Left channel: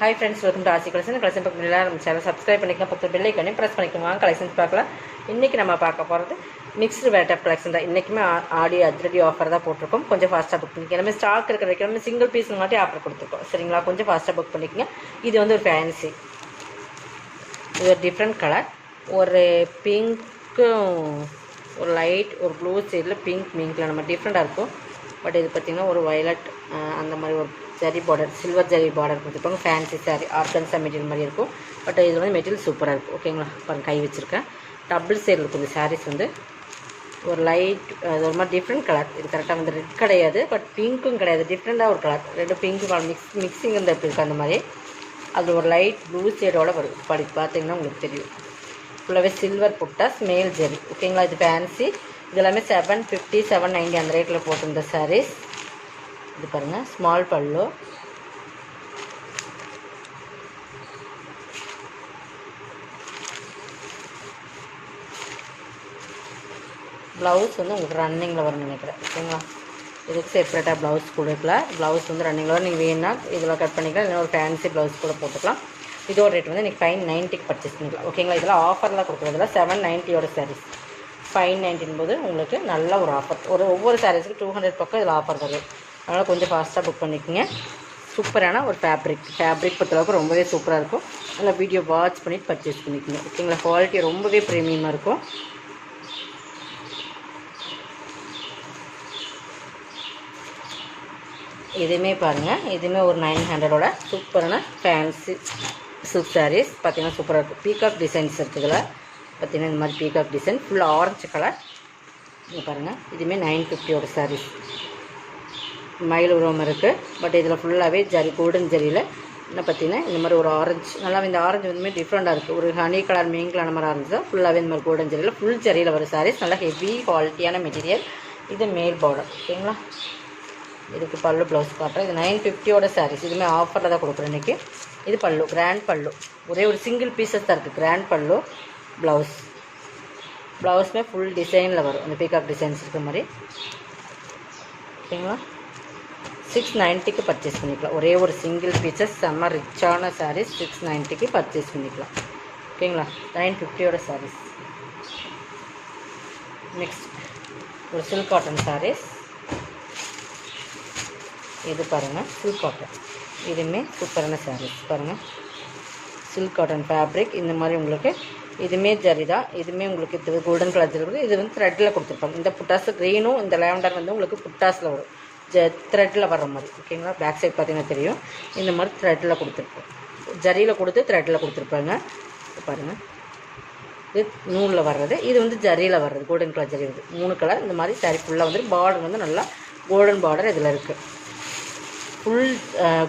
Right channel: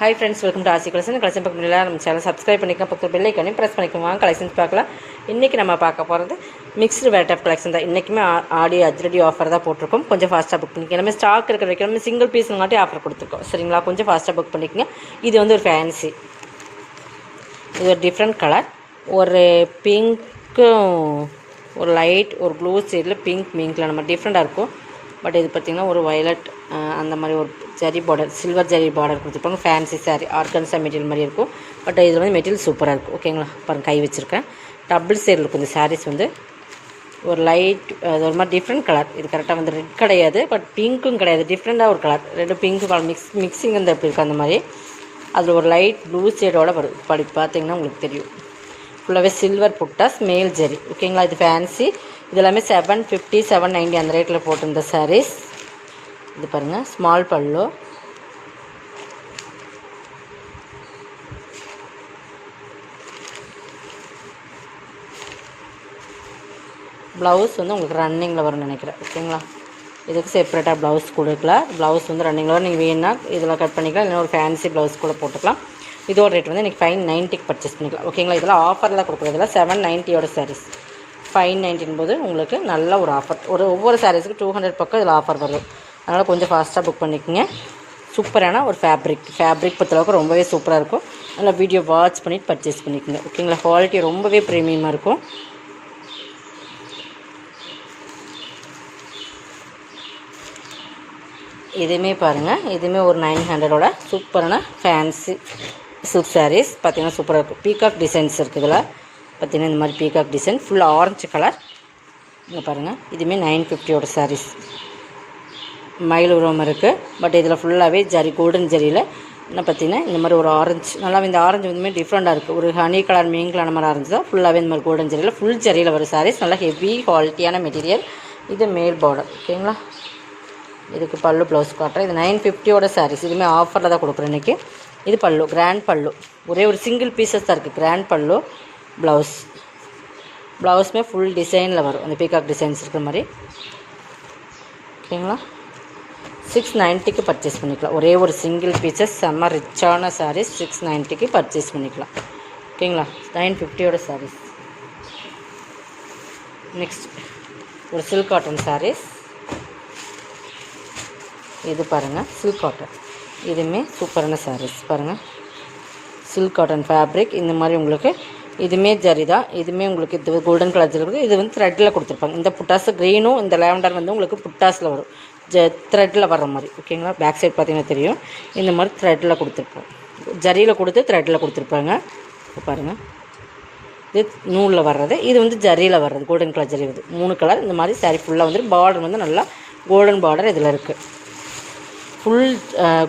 Hi friends, welcome to ஆசி collection. Collection பார்க்க நம்ம சேனல் சப்ஸ்கிரைப் பண்ணிக்கலாம், பத்து பெல் ஐக்கானே ப்ரெஸ் பண்ணிக்கோங்க. கலெக்ஷன்ஸ் பார்க்கலாம். இன்றைக்கி நம்ம பார்க்க போகிறது மிக்ஸ்டு வெரைட்டி ஆஃப் கலெக்ஷன் தான். இன்றைக்குமே ஆடி அதிரடி ஆஃபர் தான் போட்டிருக்கோம். கொஞ்சம் ஃபாஸ்ட்டாக புக் பண்ணிக்க. நம்ம ஸ்டாக் இருக்கிற வரைக்கும் நம்ம சிங்கிள் பீஸுங்காட்டி ஆஃபர் கொடுத்துருக்கோம். சரிங்களா, கொஞ்சம் ஃபாஸ்ட்டாக புக் பண்ணிக்கோங்க. இது வந்து ஒரு ஃபேன்சி, இது ஒரு டிஃப்ரெண்ட் கலர், ஒரு பிங்க்கும் ஒரு லைட் ஒரு ப்ளூ சைடில் பிங்கில் நம்ம டிஃப்ரெண்ட்டாக இருக்கும். பட் இது பார்த்திங்கன்னா ஒரு வயலட் அந்த மாதிரி ஒரு zari border, silver zari border கொடுத்துருப்பாங்க. ஃபேன்சி சாரீ ஆர்கன்ஸா மெட்டீரியல் மாதிரி இருக்கும். பட் இதில் வந்து மெட்டீரியல் சூப்பராக இருக்கும். ஓகேங்களா, பாருங்கள் கை வச்சுருக்கேன். டபுள் சைடில் இருக்கும் இந்த சாரீஸ். வந்து ஒரு லைட் ஒரு மாதிரி டிஃப்ரெண்ட் கலர். இது கரெக்டாக வந்து ரெட் கிடையாது, பட் பிங்க்கும் கிடையாது, டிஃப்ரெண்ட்டாக ஒரு கலர். ரெண்டு பிங்க்கு கலர் மிக்சிங் வந்து எப்படி இருக்குது அந்த மாதிரி. அதில் ஒரு லைட் ப்ளூ ஷேடோட வரும். பார்த்தீங்கன்னா உங்களுக்கு தெரியும். ஃபுல்லாகவே சில்வர் புட்டாஸ் மேல் ஜரி. ஓகேங்களா, இது ஃபேன்சி. இது எல்லாமே 750 790 அந்த ரேட்டில் போட்டிருந்த சாரீஸ். இது பாருங்கள், ஸ்மால் பல்லு, ப்ளவுஸ் வந்து உங்களுக்கு ரன்னிங்கில் வரும்னு நினைக்கிறேன். ஓகேங்களா, இதுக்கு செப்பரேட்டாக ப்ளவுஸ் கொடுக்கலாம். ப்ளவுஸ் வந்து ரன்னிங்கில் வரும். நீங்கள் வேணுன்னா இதில் கட் பண்ணிக்கலாம், இல்லைன்னா ஒரு ஃபேன்சி ப்ளவுஸ் கூட போட்டுக்கலாம். இதோட ரேட் வந்து இன்றைக்கி 590க்கு பர்ச்சேஸ் பண்ணிக்கலாம். ஓகேங்களா, இதெல்லாம் ஆஃபரில் கொடுக்குறதுல 790யோட சாரீஸ். 590 போது உங்களுக்கு நல்ல ஒரு ஆஃபர். ஒவ்வொரு சாரீஸுக்கு 200 பக்கம் இதில் ஆஃபர் வரும். அதனால் கொஞ்சம் ஃபாஸ்ட்டாக புக் பண்ணிக்கோங்க. சூப்பரான ஒரு ஃபேப்ரிக் பொறுத்தளவுக்கு ரொம்பவே சூப்பராக இருக்கும். நல்லா வீடியோ வாட்ச் பண்ணிவிட்டு பர்ச்சேஸ் பண்ணிக்கோங்க. ஓகேங்களா, குவாலிட்டி ரொம்பவே ப்ரீமியமாக இருக்கும். இதுவுமே பாருங்கள், இதுவுமே ஒரு 900ஓட சூப்பரான ஃபேன்சி சில்க் சாரீஸ். பார்த்திங்கன்னா சூப்பராக இருக்கும். பீகாக் டிசைன்ஸ் இருக்குதுல. பார்த்திங்கன்னா இந்த மாதிரி peacock design full orange colour. இங்கே பாருங்கள், இதுவுமே 950ஓட சாரீஸ். மயில் உருவம் இருக்குது. பட் இதில் ஃபுல்லாகவே ஜரி, கோல்டன் ஜரியில் என்ன பார்த்திங்கன்னா இந்த மாதிரி ஒரு ஆரஞ்சு, நல்லா இந்த ஆரஞ்சு வந்துமே டிஃப்ரெண்ட்டாக இருக்குது. ஒரு ஹனி கலர் மீன் கலர் மாதிரி ஆரஞ்சு தான். ஃபுல்லாகவே இந்த மாதிரி கோல்டன் ஜரியில் ஃபுல் ஜரியில் வரும் சாரீஸ். நல்லா ஹெவி குவாலிட்டியான மெட்டீரியல். இது மேல் பார்டர். ஓகேங்களா, இதுக்கு பல்லு ப்ளவுஸ் காட்டுறேன். இது 950ஓட சாரீஸ். இதுவுமே ஆஃபரில் தான் கொடுக்குறேன் இன்றைக்கி. இது பல்லு, கிராண்ட் பல்லு. ஒரே ஒரு சிங்கிள் பீசஸ் தான் இருக்குது. கிராண்ட் பல்லு, ப்ளவுஸுமே ஃபுல் டிசைனில் வரும். அந்த பீகாக் டிசைன்ஸ் இருக்கிற மாதிரி. ஓகேங்களா, 690க்கு பர்ச்சேஸ் பண்ணிக்கலாம். ஒரே ஒரு சிங்கிள் பீசஸ், செம்ம ரிச்சான சாரீஸ். 690க்கு பர்ச்சேஸ் பண்ணிக்கலாம். ஓகேங்களா, 950ஓட சாரீஸ். நெக்ஸ்ட் ஒரு சில்க் காட்டன் சாரீஸ். இது பாருங்கள், சில்க் காட்டன். இதுவுமே சூப்பரான சாரீஸ். பாருங்கள், சில்க் காட்டன் ஃபேப்ரிக். இந்த மாதிரி உங்களுக்கு இதுவுமே ஜரி தான். இதுவுமே உங்களுக்கு இது கோல்டன் கலர் ஜரி இருக்குது. இது வந்து த்ரெட்டில் கொடுத்துருப்பாங்க. இந்த புட்டாஸ் க்ரீனும் இந்த லேவண்டர் வந்து உங்களுக்கு புட்டாஸில் வரும், த்ரெட்டில் வர்ற மாதிரி. ஓகேங்களா, பேக் சைட் பார்த்தீங்கன்னா தெரியும். இந்த மாதிரி த்ரெட்டில் கொடுத்துருப்போம். ஜரியில் கொடுத்து த்ரெட்டில் கொடுத்துருப்பாங்க. பாருங்கள், இது நூலில் வர்றது, இது வந்து ஜரியில் வர்றது, கோல்டன் கலர் ஜரி வருது. 3 கலர். இந்த மாதிரி சாரீ ஃபுல்லாக வந்து பார்டர் வந்து நல்லா கோல்டன் பார்டர் இதில் இருக்குது. ஃபுல்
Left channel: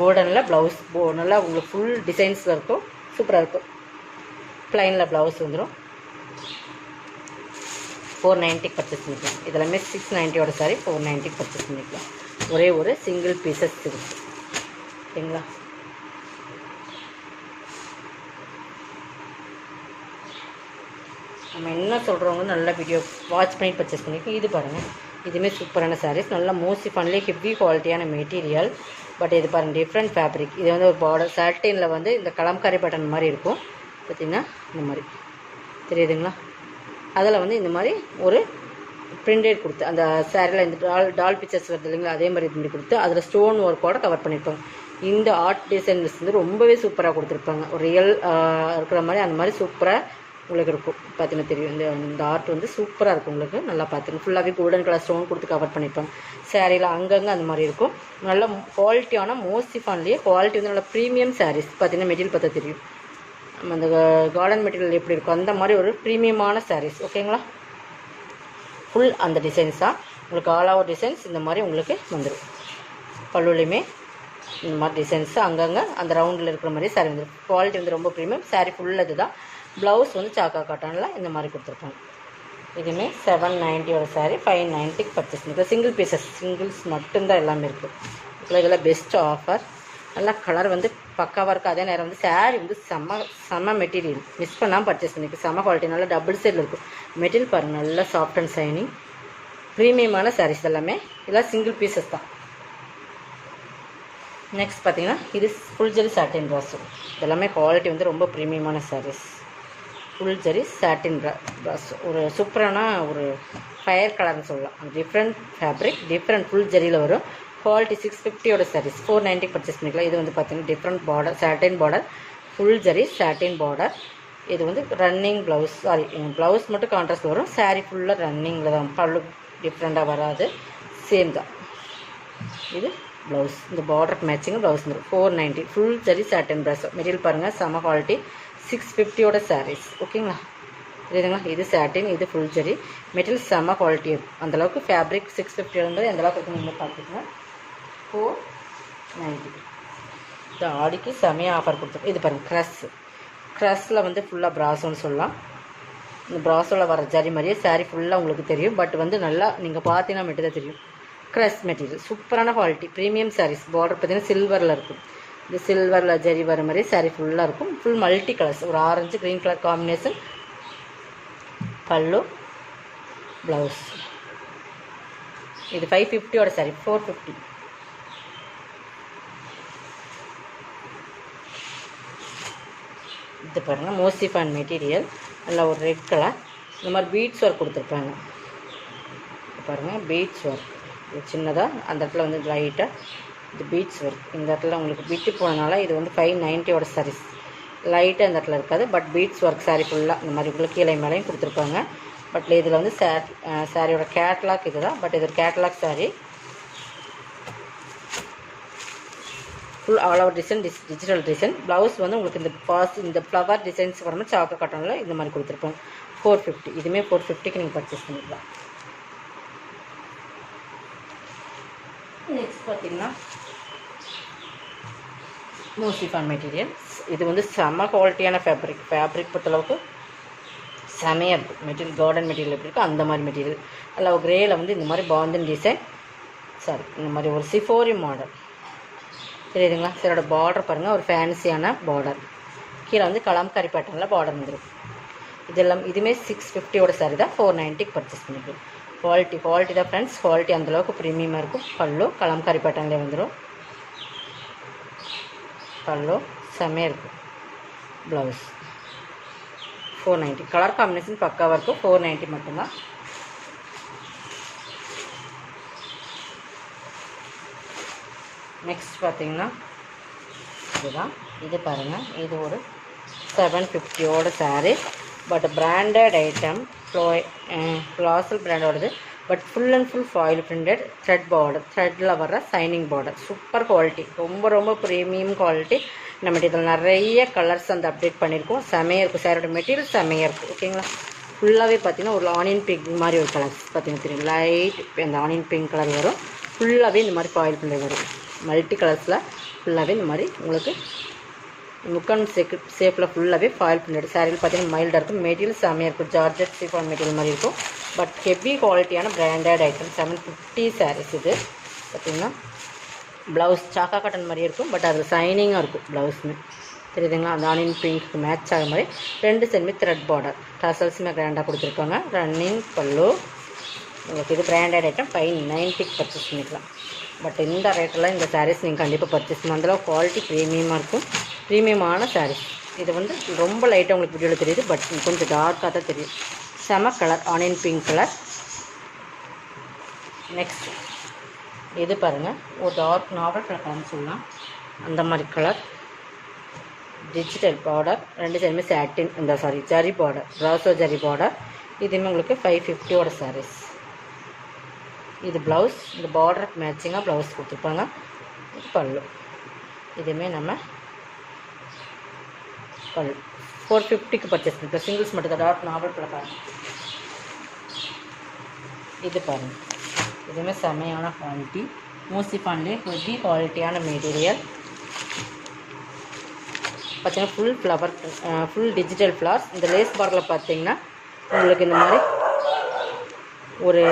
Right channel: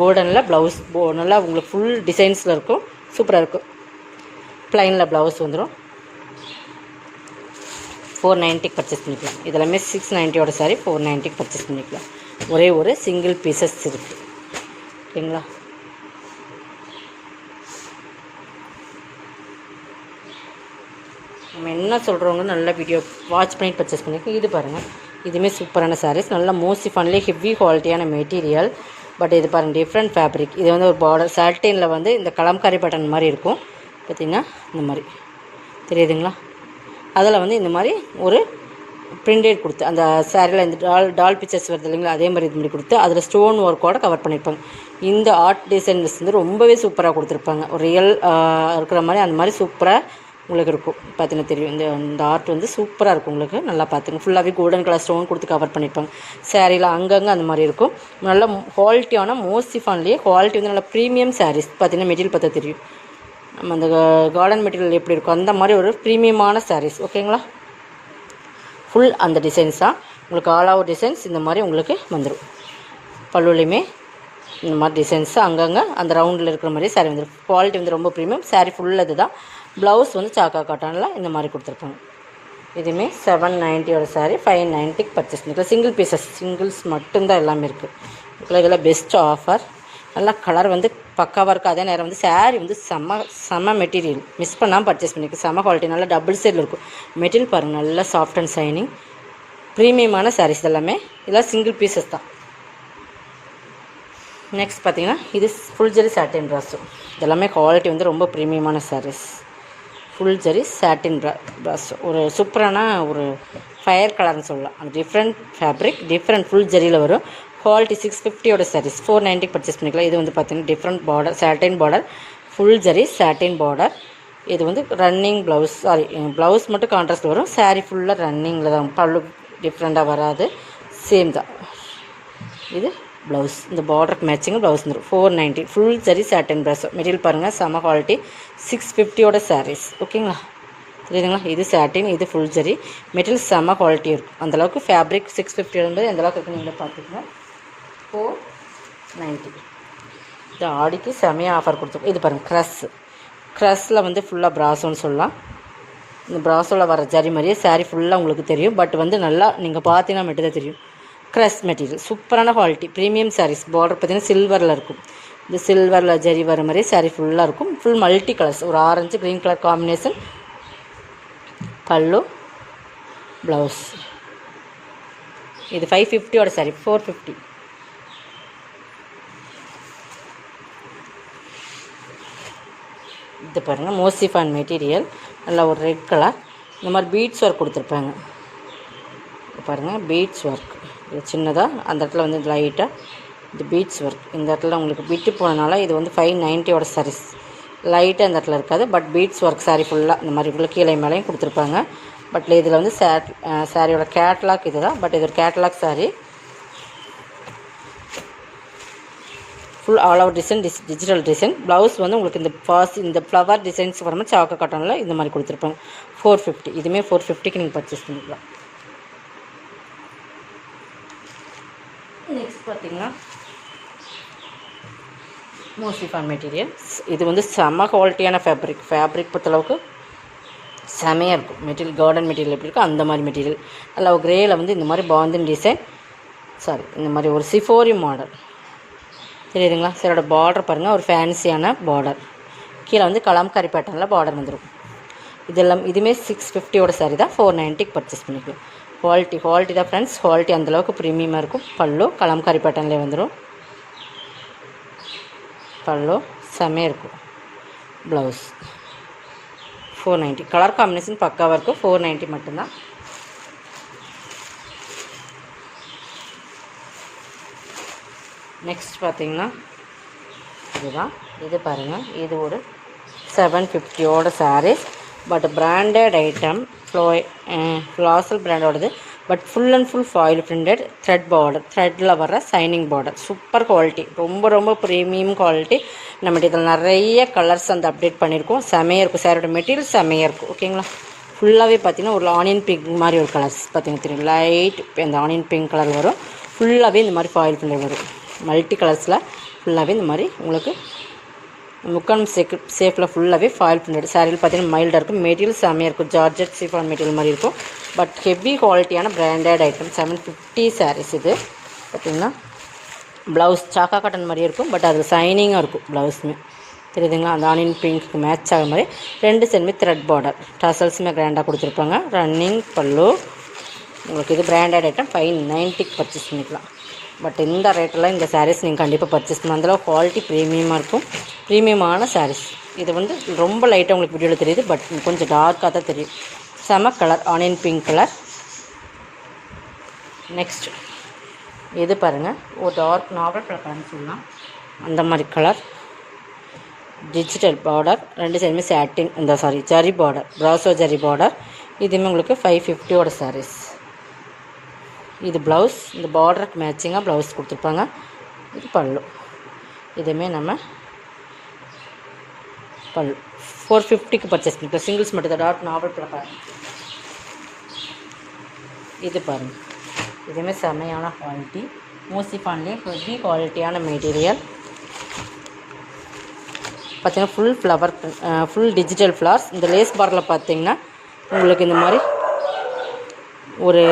கோல்டனில் ப்ளவுஸ் நல்லா உங்களுக்கு ஃபுல் டிசைன்ஸில் இருக்கும். சூப்பராக இருக்கும். ப்ளைனில் ப்ளவுஸ் வந்துடும். 490க்கு பர்ச்சேஸ் பண்ணிக்கலாம். இதெல்லாமே 690ஓட சாரி 490க்கு பர்ச்சேஸ் பண்ணிக்கலாம். ஒரே ஒரு சிங்கிள் பீசஸ் இருக்குது. ஓகேங்களா, நம்ம என்ன சொல்கிறவங்க நல்ல வீடியோ வாட்ச் பண்ணிட்டு பர்ச்சேஸ் பண்ணிக்கலாம். இது பாருங்கள், இதுவுமே சூப்பரான சாரீஸ். நல்லா மோஸ்ட்லி ஹெவி குவாலிட்டியான மெட்டீரியல். பட் இது பாருங்கள், டிஃப்ரெண்ட் ஃபேப்ரிக். இது வந்து ஒரு பார்டர் சாட்டினில் வந்து இந்த கலம்காரி பட்டன் மாதிரி இருக்கும். பார்த்திங்கன்னா இந்த மாதிரி தெரியுதுங்களா. அதில் வந்து இந்த மாதிரி ஒரு பிரிண்டட் கொடுத்து அந்த சாரியில் இந்த டால் பிக்சர்ஸ் வருது இல்லைங்களா, அதே மாதிரி இது மாதிரி கொடுத்து அதில் ஸ்டோன் ஒர்க்கோடு கவர் பண்ணியிருப்பாங்க. இந்த ஆர்ட் டிசைன்ஸ் வந்து ரொம்பவே சூப்பராக கொடுத்துருப்பாங்க. ஒரு ரியல் இருக்கிற மாதிரி அந்த மாதிரி சூப்பராக உங்களுக்கு இருக்கும். பார்த்தீங்கன்னா தெரியும். இந்த ஆர்ட் வந்து சூப்பராக இருக்கும் உங்களுக்கு. நல்லா பார்த்துங்க, ஃபுல்லாகவே கோல்டன் கலர் ஸ்டோன் கொடுத்து கவர் பண்ணியிருப்பாங்க. சாரியில் அங்கங்கே அந்த மாதிரி இருக்கும். நல்ல குவாலிட்டியான மோஸ்ட்லி குவாலிட்டி வந்து நல்லா ப்ரீமியம் சாரீஸ். பார்த்தீங்கன்னா மெட்டீரியல் பார்த்தா தெரியும். நம்ம அந்த கார்டன் மெட்டீரியல் எப்படி இருக்கும் அந்த மாதிரி ஒரு ப்ரீமியமான சாரீஸ். ஓகேங்களா, ஃபுல் அந்த டிசைன்ஸ் தான் உங்களுக்கு. ஆல் ஓவர் டிசைன்ஸ் இந்த மாதிரி உங்களுக்கு வந்துடும். பல்லுலையுமே இந்த மாதிரி டிசைன்ஸு அங்கங்கே அந்த ரவுண்டில் இருக்கிற மாதிரி சாரீ வந்துடும். குவாலிட்டி வந்து ரொம்ப ப்ரீமியம். சாரீ ஃபுல் இது தான். ப்ளவுஸ் வந்து சாக்கா காட்டனில் இந்த மாதிரி கொடுத்துருப்பாங்க. இதுவுமே 790ஓட சாரீ 590க்கு பர்ச்சேஸ் பண்ணிக்கலாம். சிங்கிள் பீசஸ், சிங்கிள்ஸ் மட்டும்தான் எல்லாமே இருக்குது. இதெல்லாம் பெஸ்ட் ஆஃபர். நல்லா கலர் வந்து பக்காவாக இருக்குது. அதே நேரம் வந்து சாரீ வந்து செம்ம மெட்டீரியல். மிஸ் பண்ணாமல் பர்ச்சேஸ் பண்ணிக்க. செம்ம குவாலிட்டி. நல்லா டபுள் சைடில் இருக்கும் மெட்டீரியல். பாருங்கள், நல்லா சாஃப்ட் அண்ட் ஷைனிங் ப்ரீமியமான சாரீஸ் எல்லாமே. இதெல்லாம் சிங்கிள் பீசஸ் தான். நெக்ஸ்ட் பார்த்தீங்கன்னா இது ஃபுல் ஜெரி சாட்டின் ப்ராஸோ. இதெல்லாமே குவாலிட்டி வந்து ரொம்ப ப்ரீமியமான சாரீஸ். ஃபுல் ஜெரி சாட்டின் ப்ராஸோ ஒரு சூப்பரான ஒரு ஃபயர் கலர்னு சொல்லலாம். டிஃப்ரெண்ட் ஃபேப்ரிக், டிஃப்ரெண்ட் ஃபுல் ஜெரியில் வரும். குவாலிட்டி 650 சாரீஸ் 490 பர்ச்சேஸ் பண்ணிக்கலாம். இது வந்து பார்த்தீங்கன்னா different border, satin border, full zari satin border. இது வந்து ரன்னிங் ப்ளவுஸ், ப்ளவுஸ் மட்டும் கான்ட்ராஸ்ட் வரும். சாரீ ஃபுல்லாக ரன்னிங்கில் தான், பல்லு டிஃப்ரெண்ட்டாக வராது, சேம் தான். இது ப்ளவுஸ், இந்த பார்டருக்கு மேட்சிங் ப்ளவுஸ் வந்துடும். 490 ஃபுல் ஜெரி சாட்டின் ப்ராஸோ. மெட்டீரியல் பாருங்கள், செம குவாலிட்டி. 650 சாரீஸ். ஓகேங்களா, தெரியுதுங்களா? இது சாட்டின், இது ஃபுல் ஜெரி. மெட்டீரியல் செம குவாலிட்டி இருக்கும். அந்தளவுக்கு ஃபேப்ரிக் 650 எந்தளவுக்கு இருக்குன்னு நீங்கள் பார்த்துக்கோங்க. 490. இது ஆடிக்கு செமையாக ஆஃபர் கொடுத்துருக்கோம். இது பாருங்கள், க்ரஸில் வந்து ஃபுல்லாக ப்ராஸோன்னு சொல்லலாம். இந்த ப்ராஸோவில் வர ஜரி மாதிரியே சாரீ ஃபுல்லாக உங்களுக்கு தெரியும். பட் வந்து நல்லா நீங்கள் பார்த்தீங்கன்னா மட்டும் தான் தெரியும். க்ரஸ் மெட்டீரியல், சூப்பரான குவாலிட்டி, ப்ரீமியம் சாரீஸ். பார்டர் பார்த்திங்கன்னா சில்வரில் இருக்கும். இந்த சில்வரில் ஜரி வர மாதிரி சாரீ ஃபுல்லாக இருக்கும். ஃபுல் மல்டி கலர்ஸ், ஒரு ஆரஞ்சு க்ரீன் கலர் காம்பினேஷன். பல்லு, ப்ளவுஸ். இது 550 சாரீ 450. இது பாருங்கள், மோசிஃபான் மெட்டீரியல், நல்லா ஒரு ரெட் கலர். இந்த மாதிரி பீட்ஸ் ஒர்க் கொடுத்துருப்பாங்க. பாருங்கள், பீட்ஸ் ஒர்க் சின்னதாக அந்த இடத்துல வந்து லைட்டாக இது பீட்ஸ் ஒர்க். இந்த இடத்துல உங்களுக்கு விட்டு போனதுனால இது வந்து 590 சாரீஸ். லைட்டாக இந்த இடத்துல இருக்காது, பட் பீட்ஸ் ஒர்க் சாரீ ஃபுல்லாக இந்த மாதிரி ஃபுல்லாக கீழே மேலேயும் கொடுத்துருப்பாங்க. பட் இதில் வந்து சாரியோட கேட்லாக் இது தான். பட் இது ஒரு catalogue sari. Full all over design, digital design. Blouse வந்து உங்களுக்கு இந்த ஃப்ளவர் டிசைன்ஸ் வரணும். சாக்கோ காட்டனில் இந்த மாதிரி கொடுத்துருப்பாங்க. 450. இதுவுமே 450க்கு நீங்கள் பர்ச்சேஸ் பண்ணிக்கலாம். நெக்ஸ்ட் பார்த்தீங்கன்னா மோசிஃபான் மெட்டீரியல். இது வந்து செம்ம குவாலிட்டியான ஃபேப்ரிக் பொறுத்தளவுக்கு செமையாக இருக்கும். மெட்டீரியல் கார்டன் மெட்டீரியல் எப்படி இருக்கும் அந்த மாதிரி மெட்டீரியல். அதில் கிரேயில் வந்து இந்த மாதிரி பாந்தன் டிசைன், இந்த மாதிரி ஒரு சிஃபோரி மாடல் தெரியுதுங்களா? சரோட பார்டர் பாருங்கள், ஒரு ஃபேன்சியான பார்டர். கீழே வந்து கலம்காரி பேட்டர்னில் பார்டர் வந்துடும். இதெல்லாம் இதுவுமே 650 சாரீ தான். 490க்கு பர்ச்சேஸ் பண்ணிக்கலாம். குவாலிட்டி தான் ஃப்ரெண்ட்ஸ். குவாலிட்டி அந்தளவுக்கு ப்ரீமியமாக இருக்கும். பல்லு கலம்காரி பேட்டர்ன்லேயே வந்துடும். பல்லு செம்மையாக இருக்கும். ப்ளவுஸ் 490. கலர் காம்பினேஷன் பக்காவாக இருக்கும். 490 மட்டும்தான். நெக்ஸ்ட் பார்த்தீங்கன்னா இதுதான். இது பாருங்கள், இது ஒரு 750 சாரீஸ். பட் பிராண்டட் ஐட்டம், ஃப்ளாசல் பிராண்டோடது. But full and full foil printed thread border, த்ரெட்டில் வர சைனிங் பார்டர். சூப்பர் குவாலிட்டி, ரொம்ப ப்ரீமியம் குவாலிட்டி. நம்ம இதில் நிறைய கலர்ஸ் அந்த அப்டேட் பண்ணியிருக்கோம். செமையாக இருக்கும். சாரோட மெட்டீரியல் செமையாக இருக்கும். ஓகேங்களா, ஃபுல்லாகவே பார்த்தீங்கன்னா ஒரு ஆனியன் பிங்க் மாதிரி ஒரு கலர்ஸ் பார்த்தீங்கன்னா தெரியும். லைட் அந்த ஆனியன் பிங்க் கலர் வரும். ஃபுல்லாகவே இந்த மாதிரி ஃபாயில் பிரிண்டட் வரும். மல்டி கலர்ஸில் ஃபுல்லாகவே இந்த மாதிரி உங்களுக்கு முக்கான் சேஃபில் ஃபுல்லாகவே ஃபாயில் பிரிண்டட். சாரியில் பார்த்தீங்கன்னா மைல்டாக இருக்கும். மெட்டீரியல் செமையாக இருக்கும். ஜார்ஜெட் சிஃபான் மெட்டீரியல் மாதிரி இருக்கும். பட் ஹெவி குவாலிட்டியான பிராண்டட் ஐட்டம். 750 சாரீஸ். இது பார்த்திங்கன்னா ப்ளவுஸ் சாக்கா காட்டன் மாதிரியே இருக்கும். பட் அது சைனிங்காக இருக்கும் ப்ளவுஸுமே. தெரியுதுங்களா? அந்த ஆனியன் பிங்க்கு மேட்ச் ஆகிற மாதிரி 2 சைடுமே த்ரெட் பார்டர். டசல்ஸுமே கிராண்டாக கொடுத்துருப்பாங்க. ரன்னிங் பல்லு. உங்களுக்கு இது பிராண்டட் ஐட்டம். 590க்கு பர்ச்சேஸ் பண்ணிக்கலாம். பட் இந்த ரேட்டில் இந்த சாரீஸ் நீங்கள் கண்டிப்பாக பர்ச்சேஸ் பண்ணலாம். அந்தளவு குவாலிட்டி ப்ரீமியமாக இருக்கும். ப்ரீமியமான சாரீஸ். இது வந்து ரொம்ப லைட்டாக உங்களுக்கு வீடியோவில் தெரியுது. பட் கொஞ்சம் டார்க்காக தான் தெரியும். செம colour, onion pink colour. Next இது பாருங்கள், ஒரு டார்க் நாவல் கலர்னு சொல்லலாம். அந்த மாதிரி கலர். Digital border. 2 சைடுமே சாட்டின் ஜரி பார்டர், ப்ராசோ ஜரி பார்டர். இதுவுமே உங்களுக்கு 550 சாரீஸ். இது ப்ளவுஸ். இந்த பார்டருக்கு மேட்சிங்காக ப்ளவுஸ் கொடுத்துருப்பாங்க. இது பல்லு. இதுவுமே நம்ம பல்லு 450க்கு பர்ச்சேஸ் பண்ணிக்கலாம். சிங்கிள்ஸ் மட்டும் தான். டார்க் நாவல் கலர். இது பாருங்கள், இதுவுமே செமையான குவாலிட்டி. மோசிஃபான்லேயே ஹெவி குவாலிட்டியான மெட்டீரியல். பார்த்தீங்கன்னா full flower, full digital flowers. இந்த லேஸ் பார்டரில் பார்த்தீங்கன்னா உங்களுக்கு இந்த மாதிரி ஒரு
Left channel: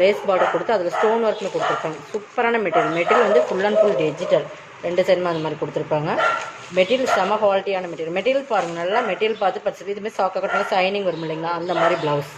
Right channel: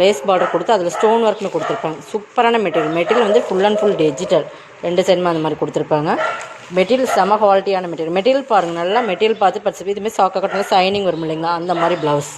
லேஸ் பார்டர் கொடுத்து அதில் ஸ்டோன் ஒர்க்னு கொடுத்துருப்பாங்க. சூப்பரான மெட்டீரியல் வந்து ஃபுல் அண்ட் ஃபுல் டிஜிட்டல். 2 சைடுமே அந்த மாதிரி கொடுத்துருப்பாங்க. மெட்டீரியல் செம குவாலிட்டியான மெட்டீரியல் பாருங்கள். நல்லா மெட்டீரியல் பார்த்து பர்ச்சேஸ். இதுமாதிரி சாக்கா கட்டினா சைனிங் வரும் இல்லைங்களா, அந்த மாதிரி ப்ளவுஸ்.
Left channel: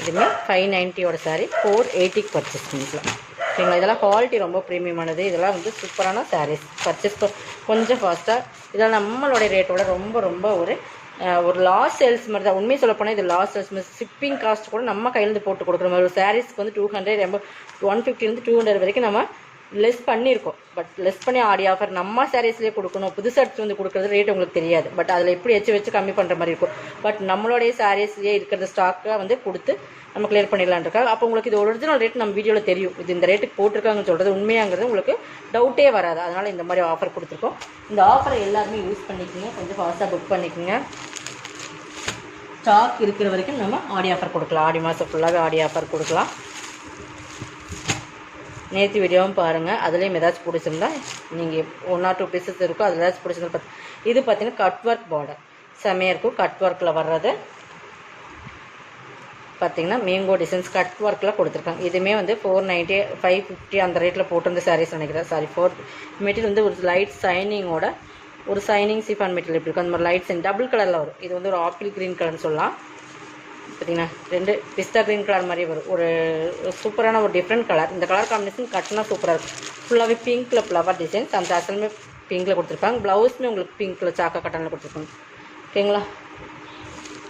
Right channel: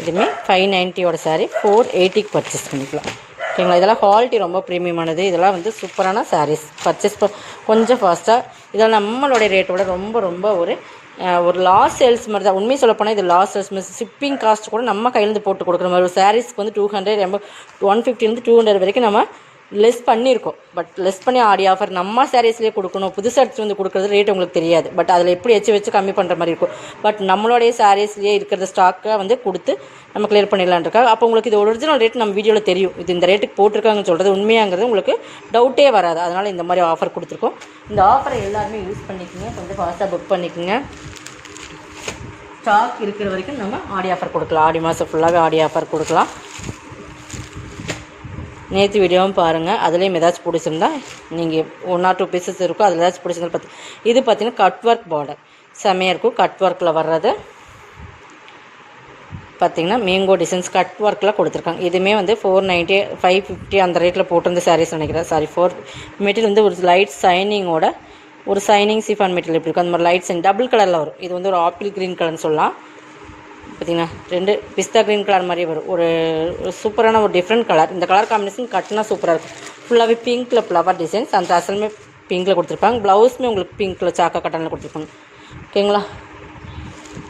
இதுவுமே 590 சாரீ. 480க்கு பர்ச்சேஸ் பண்ணிக்கலாம். ஓகேங்களா. இதெல்லாம் குவாலிட்டி ரொம்ப ப்ரீமியமானது. இதெல்லாம் வந்து சூப்பரான சாரீஸ். பர்ச்சேஸ் கொஞ்சம் ஃபாஸ்ட்டாக. இதெல்லாம் நம்மளுடைய ரேட்டோட ரொம்ப ரொம்ப ஒரு லாஸ் சேல்ஸ் மாதிரி தான். உண்மையை சொல்லப்போனால் இது லாஸ் சேல்ஸ். ஷிப்பிங் காஸ்ட் கூட நம்ம கையிலேருந்து போட்டு கொடுக்குற மாதிரி. ஒரு சாரீஸ்க்கு வந்து 200 150 200 வரைக்கும் நம்ம லெஸ் பண்ணியிருக்கோம். பட் லெஸ் பண்ணி ஆடி ஆஃபர் நம்ம சாரீஸ்லேயே கொடுக்கணும். புதுசாக எடுத்து வந்து கொடுக்குறது ரேட் உங்களுக்கு தெரியாது. பட் அதில் எப்படி வச்சு கம்மி பண்ணுற மாதிரி இருக்கும். பட் நம்மளுடைய சாரீஸ்லேயே இருக்கிற ஸ்டாக்காக வந்து கொடுத்து நம்ம கிளியர் பண்ணிடலான் இருக்காங்க. அப்போ உங்களுக்கு இது ஒரிஜினல் ரேட் நம்ம வீடியோவில் தெரியும். இது இந்த ரேட்டுக்கு போட்டிருக்காங்கன்னு சொல்கிறது உண்மையாங்கிறது உங்களுக்கு டவுட்டே வராது. அதனால் இந்த மாதிரி ஆஃபர் கொடுத்துருக்கோம். இந்த ஆஃபரை எல்லாருமே யூஸ் பண்ணிக்கோங்க. கொஞ்சம் ஃபாஸ்ட்டாக புக் பண்ணிக்கோங்க. ஸ்டாக் இருக்கிற வரைக்கும் நம்ம ஆடி ஆஃபர் கொடுக்கலாம். ஆடி மாதம் ஃபுல்லாக ஆடி ஆஃபர் கொடுக்கலாம். நேற்று வீடியோவும் பாருங்கள். அதுலேயும் ஏதாச்சும் பிடிச்சிருந்தா நீங்கள் 1 or 2 பீசஸ் இருக்கும். அதில் ஏதாச்சும் பிடிச்சிருந்தா இது பார்த்தீங்கன்னா கட் ஒர்க் பார்டர் செம்மையாக இருக்கும். கட் ஒர்க்கில் வர்றது பார்த்திங்கன்னா மேங்கோ டிசைன்ஸ் கட் ஒர்க்கில் கொடுத்துருக்காங்க. இதுவுமே வந்து 490 550 அந்த ரேட்டில் போட்டிருந்த சாரீஸ் நினைக்கிறேன். சாரி 4 மெட்டீரியல் வந்து ஒரு லைட் சைனிங்கோட ஒரு சைனிங் சிஃபான் மெட்டீரியல் எப்படி இருக்கும் அந்த மாதிரி லைட் சைன் டபுள் கலரில் வரும். இது வந்து ஒரு ஆப்பிள் க்ரீன் கலர்னு சொல்லலாம். பார்த்திங்கன்னா 2 பிஸ்தா க்ரீன் கலர் மாதிரி வரும். ஒரு சூப்பரான ஒரு டிஃப்ரெண்ட் கலர். இந்த கலர் காம்பினேஷன் கட்டினா சூப்பராக இருக்கும். ஃபுல்லாகவே பிங்க்கில் ஃப்ளவர் டிசைன்ஸ். அந்த அசலுமே பிங்க்கில் கொடுத்துருப்பாங்க. ப்ளவுஸுமே உங்களுக்கு பிங்க்கில் சாக்கா கட்டனில் கொடுத்துருப்பாங்க. ஓகேங்களா.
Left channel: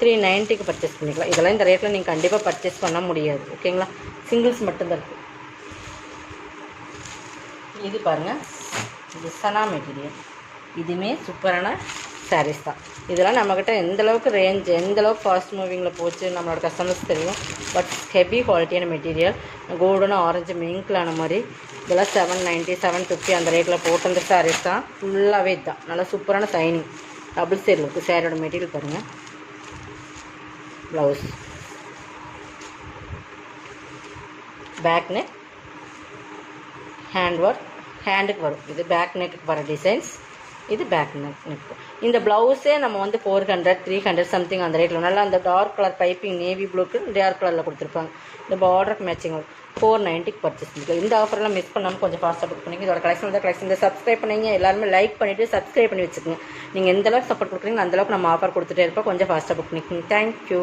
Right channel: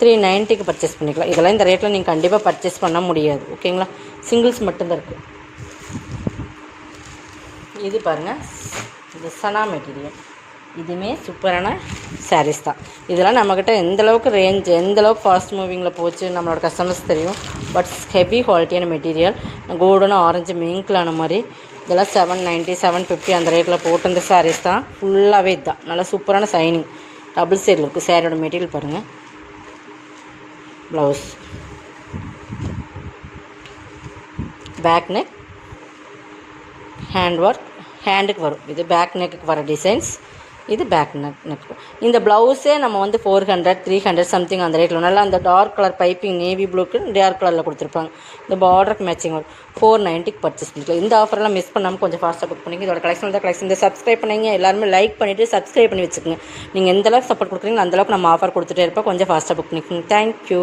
390க்கு பர்ச்சேஸ் பண்ணிக்கலாம். இதெல்லாம் இந்த ரேட்டில் நீங்கள் கண்டிப்பாக பர்ச்சேஸ் பண்ண முடியாது. ஓகேங்களா. சிங்கிள்ஸ் மட்டும்தான் இருக்குது. இது பாருங்கள், இது சனா மெட்டீரியல். இதுவுமே சூப்பரான சாரீஸ் தான். இதெல்லாம் நம்மக்கிட்ட எந்தளவுக்கு ரேஞ்ச் எந்தளவுக்கு ஃபாஸ்ட் மூவிங்கில் போச்சு நம்மளோட கஸ்டமர்ஸ் தெரியும். பட் ஹெவி குவாலிட்டியான மெட்டீரியல். கோல்டன் ஆரஞ்சு மிங்க்லான மாதிரி. இதெல்லாம் 790 750 அந்த ரேட்டில் போட்டிருந்த சாரீஸ் தான். ஃபுல்லாகவே இதுதான். நல்லா சூப்பரான சைனிங் டபுள் சைடில் இருக்குது. சாரியோட மெட்டீரியல் பாருங்கள். Blouse back neck hand work ஹேண்டுக்கு வரும். இது பேக் நெக்குக்கு வர டிசைன்ஸ். இது பேக் நெக். இந்த ப்ளவுஸே நம்ம வந்து 400 300 சம்திங் அந்த ரேட்டில் நல்லா அந்த டார்க் கலர் பைப்பிங் நேவி ப்ளூக்கு டார்க் கலரில் கொடுத்துருப்பாங்க. இந்த பார்டருக்கு மேட்சிங் வரும். 490க்கு பர்ச்சேஸ் பண்ணிக்கலாம். இந்த ஆஃபர்லாம் மிஸ் பண்ணாமல் கொஞ்சம் ஃபாஸ்ட்டாக புக் பண்ணிங்க. இதோட கலெக்ஷன் இந்த சப்ஸ்கிரைப் பண்ணிங்க. எல்லாருமே லைக் பண்ணிவிட்டு சப்ஸ்கிரைப் பண்ணி வச்சுக்கோங்க. நீங்கள் எந்தளவுக்கு சப்போர்ட் கொடுக்குறீங்க அந்தளவுக்கு நம்ம ஆஃபர் கொடுத்துட்டே இருப்போம். கொஞ்சம் ஃபாஸ்ட்டாக புக் பண்ணிக்கோங்க. தேங்க்யூ.